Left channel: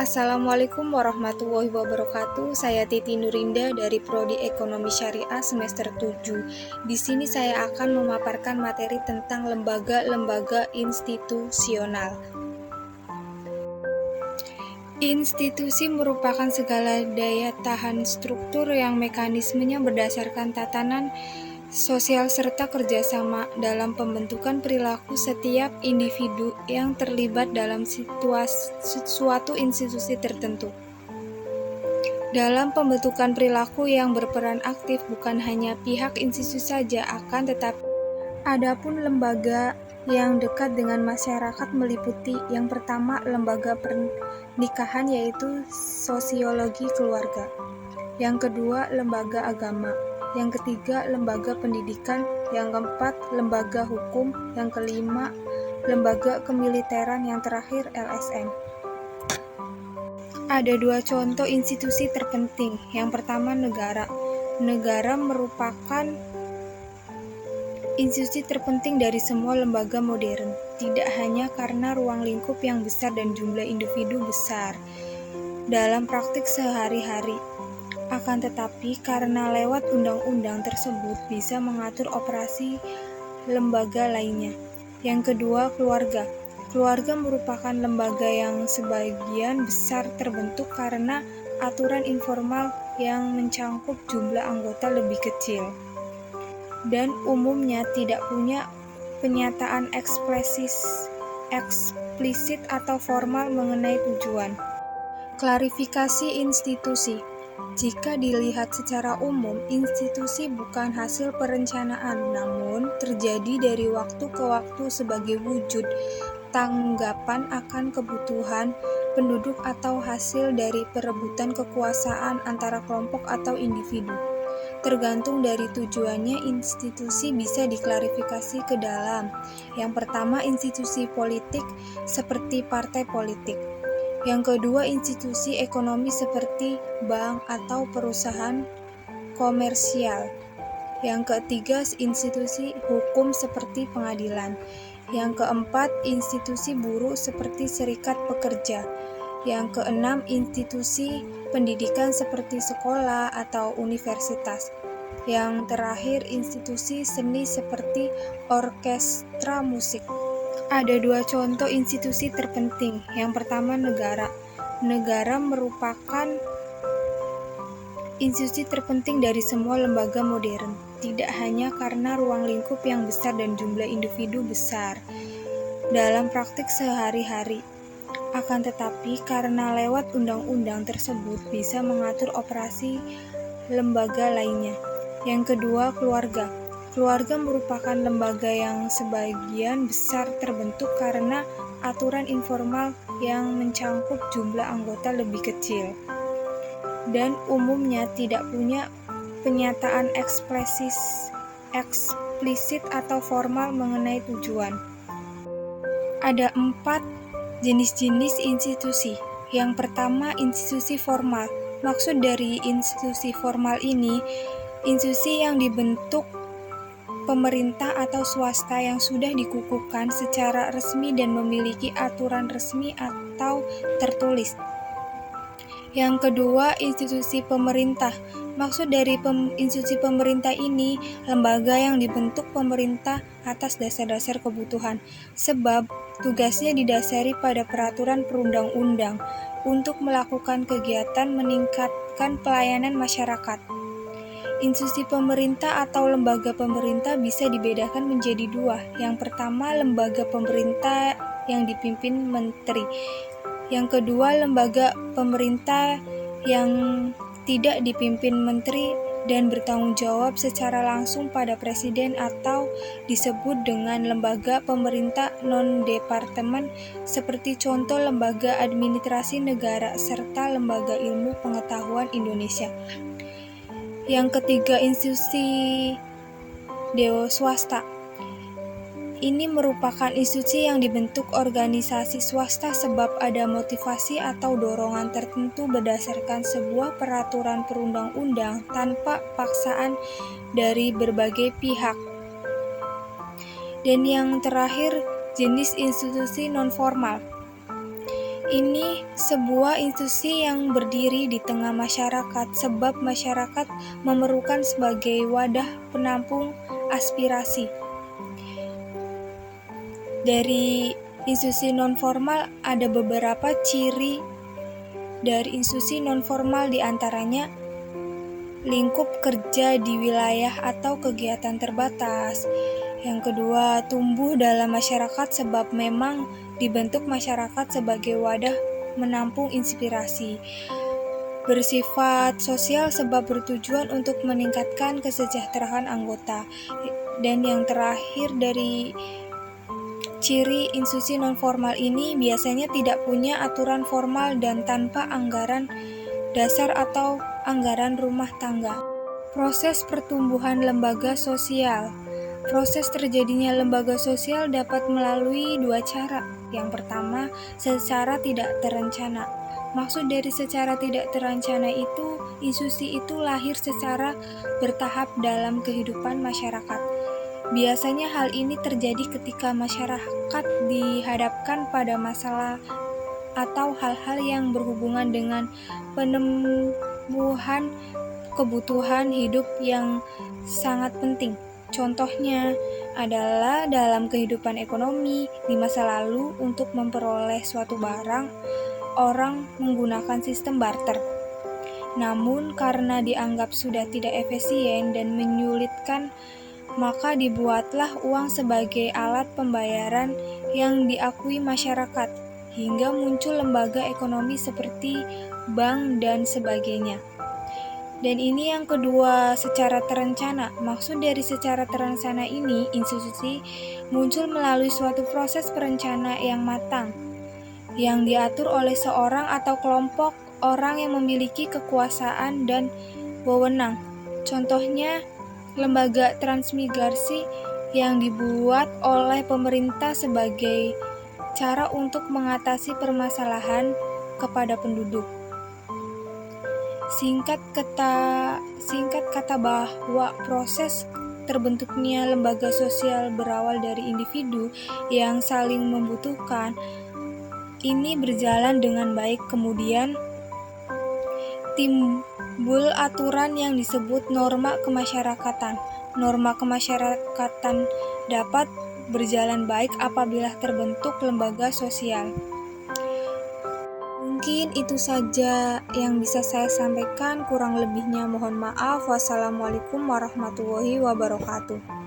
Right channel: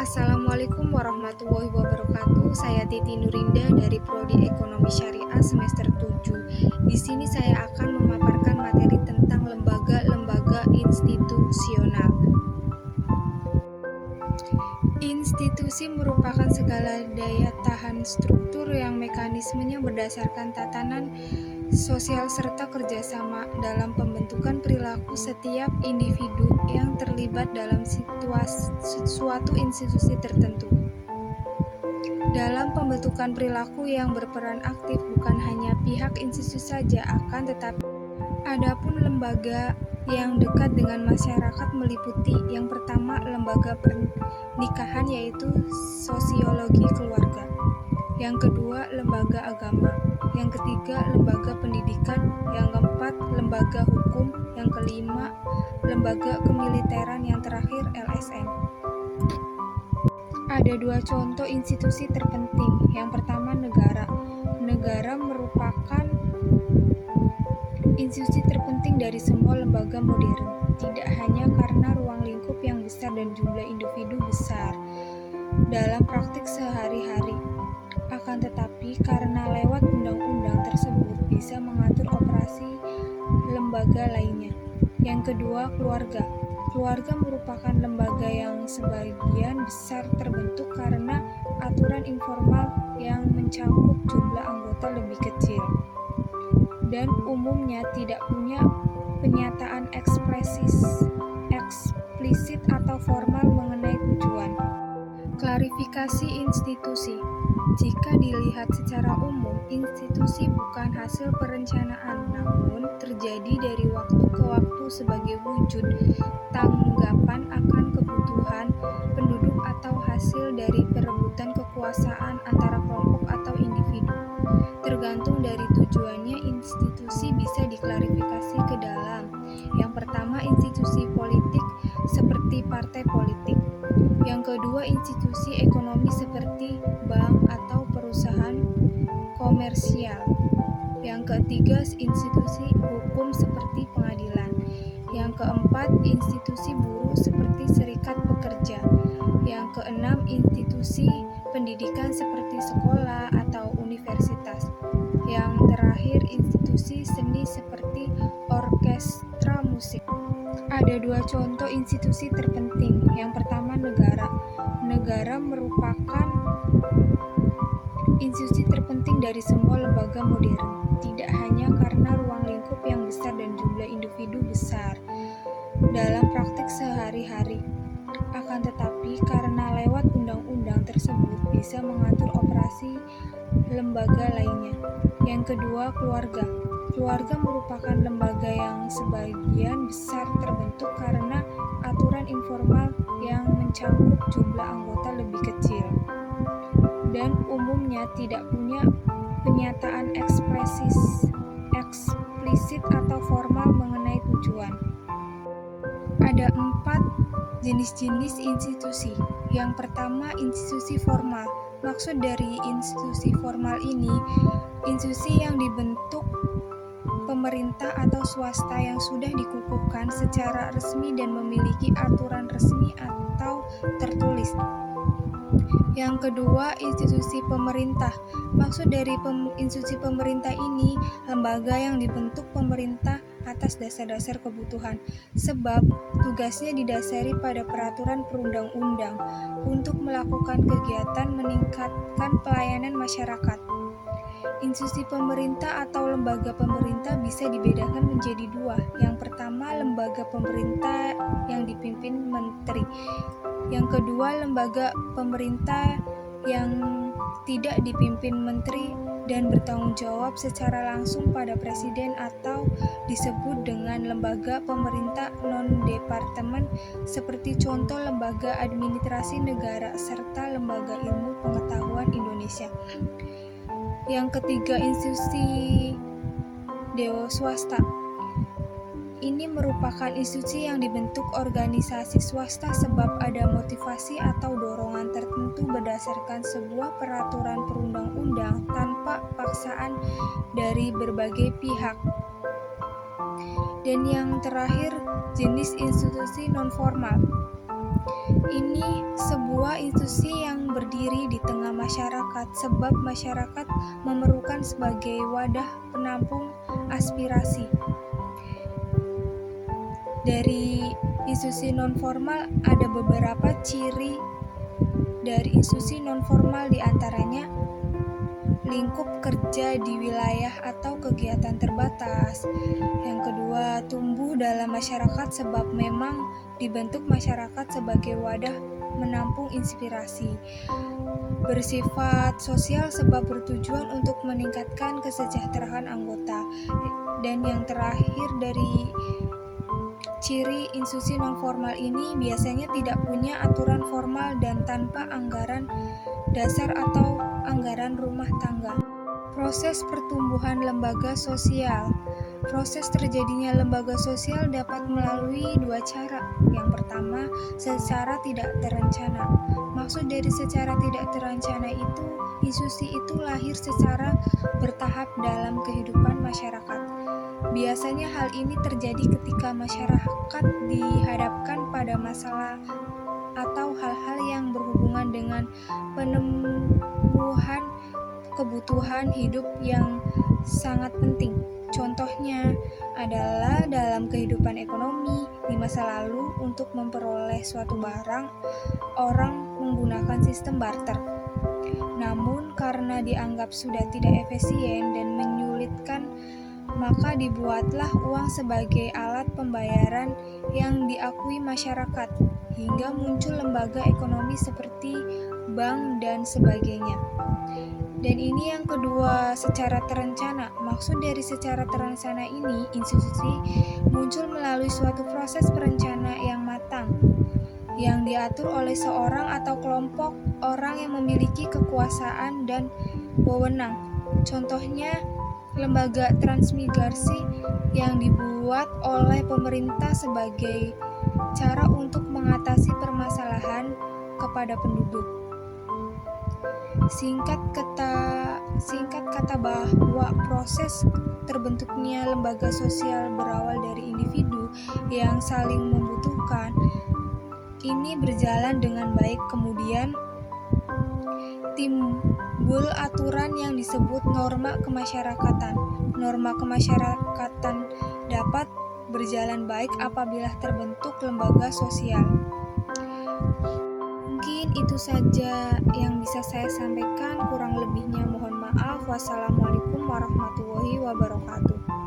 Assalamualaikum warahmatullahi wabarakatuh. Saya Titi Nurinda dari Prodi Ekonomi Syariah semester 7. Di sini saya akan memaparkan materi tentang lembaga-lembaga institusional. Institusi merupakan segala daya tahan struktur yang mekanismenya berdasarkan tatanan sosial serta kerjasama dalam pembentukan perilaku setiap individu yang terlibat dalam suatu institusi tertentu. Dalam pembentukan perilaku yang berperan aktif bukan hanya pihak institusi saja, akan tetapi adapun lembaga yang dekat dengan masyarakat meliputi yang pertama lembaga pernikahan yaitu sosiologi keluarga, yang kedua lembaga agama, yang ketiga lembaga pendidikan, yang keempat lembaga hukum, yang kelima lembaga kemiliteran, yang terakhir LSM. Ada dua contoh institusi terpenting. Yang pertama negara. Negara merupakan institusi terpenting dari semua lembaga modern, tidak hanya karena ruang lingkup yang besar dan jumlah individu besar dalam praktik sehari-hari, akan tetapi karena lewat undang-undang tersebut bisa mengatur operasi lembaga lainnya. Yang kedua, keluarga. Keluarga merupakan lembaga yang sebagian besar terbentuk karena aturan informal yang mencangkup jumlah anggota lebih kecil dan umumnya tidak punya penyataan eksplisit atau formal mengenai tujuan. Klarifikasi institusi. Jika dilihat secara umum, institusi bukan hasil perencanaan, namun terjadi dari waktu ke waktu sebagai wujud tanggapan akan kebutuhan penduduk atau hasil dari perebutan kekuasaan antara kelompok atau individu. Tergantung dari tujuannya, institusi bisa diklarifikasi ke dalam. Yang pertama, institusi politik seperti partai politik. Yang kedua, institusi ekonomi seperti bank atau perusahaan komersial. Yang ketiga, institusi hukum seperti pengadilan. Yang keempat, institusi buruh seperti serikat pekerja. Yang keenam, institusi pendidikan seperti sekolah atau universitas. Yang terakhir, institusi seni seperti orkestra musik. Ada dua contoh institusi terpenting. Yang pertama, negara. Negara merupakan institusi terpenting dari semua lembaga modern, tidak hanya karena ruang lingkup yang besar dan jumlah individu besar dalam praktik sehari-hari, akan tetapi karena lewat undang-undang tersebut bisa mengatur operasi lembaga lainnya. Yang kedua, keluarga. Keluarga merupakan lembaga yang sebagian besar terbentuk karena aturan informal yang mencangkup jumlah anggota lebih kecil dan umumnya tidak punya penyataan eksplisit atau formal mengenai tujuan. Ada 4 jenis-jenis institusi. Yang pertama, institusi formal. Maksud dari institusi formal ini, institusi yang dibentuk pemerintah atau swasta yang sudah dikukuhkan secara resmi dan memiliki aturan resmi atau tertulis. Yang kedua, institusi pemerintah. Maksud dari institusi pemerintah ini, lembaga yang dibentuk pemerintah atas dasar-dasar kebutuhan, sebab tugasnya didasari pada peraturan perundang-undang untuk melakukan kegiatan meningkatkan pelayanan masyarakat. Institusi pemerintah atau lembaga pemerintah bisa dibedakan menjadi dua. Yang pertama, lembaga pemerintah yang dipimpin menteri. Yang kedua, lembaga pemerintah yang tidak dipimpin menteri dan bertanggung jawab secara langsung pada presiden atau disebut dengan lembaga pemerintah non-departemen seperti contoh lembaga administrasi negara serta lembaga ilmu pengetahuan Indonesia. Yang ketiga, institusi dewa swasta. Ini merupakan institusi yang dibentuk organisasi swasta sebab ada motivasi atau dorongan tertentu berdasarkan sebuah peraturan perundang-undang tanpa paksaan dari berbagai pihak. Dan yang terakhir, jenis institusi non-formal. Ini sebuah institusi yang berdiri di tengah masyarakat, sebab masyarakat memerlukan sebagai wadah penampung aspirasi. Dari institusi non-formal ada beberapa ciri dari institusi non-formal, diantaranya lingkup kerja di wilayah atau kegiatan terbatas. Yang kedua, tumbuh dalam masyarakat sebab memang dibentuk masyarakat sebagai wadah menampung inspirasi. Bersifat sosial sebab bertujuan untuk meningkatkan kesejahteraan anggota. Dan yang terakhir dari ciri institusi non-formal ini biasanya tidak punya aturan formal dan tanpa anggaran dasar atau anggaran rumah tangga. Proses pertumbuhan lembaga sosial. Proses terjadinya lembaga sosial dapat melalui dua cara. Yang pertama, secara tidak terencana. Maksud dari secara tidak terencana itu, institusi itu lahir secara bertahap dalam kehidupan masyarakat. Biasanya hal ini terjadi ketika masyarakat dihadapkan pada masalah atau hal-hal yang berhubungan dengan pemenuhan kebutuhan hidup yang sangat penting. Contohnya adalah dalam kehidupan ekonomi di masa lalu, untuk memperoleh suatu barang, orang menggunakan sistem barter. Namun karena dianggap sudah tidak efisien dan menyulitkan, maka dibuatlah uang sebagai alat pembayaran yang diakui masyarakat, hingga muncul lembaga ekonomi seperti bank dan sebagainya. Dan ini yang kedua, secara terencana. Maksud dari secara terencana ini, institusi muncul melalui suatu proses perencana yang matang, yang diatur oleh seorang atau kelompok orang yang memiliki kekuasaan dan wewenang. Contohnya, lembaga transmigrasi yang dibuat oleh pemerintah sebagai cara untuk mengatasi permasalahan kepada penduduk. Singkat kata bahwa proses terbentuknya lembaga sosial berawal dari individu yang saling membutuhkan. Ini berjalan dengan baik, kemudian timbul aturan yang disebut norma kemasyarakatan. Norma kemasyarakatan dapat berjalan baik apabila terbentuk lembaga sosial. Mungkin itu saja yang bisa saya sampaikan, kurang lebihnya mohon maaf. Wassalamualaikum warahmatullahi wabarakatuh.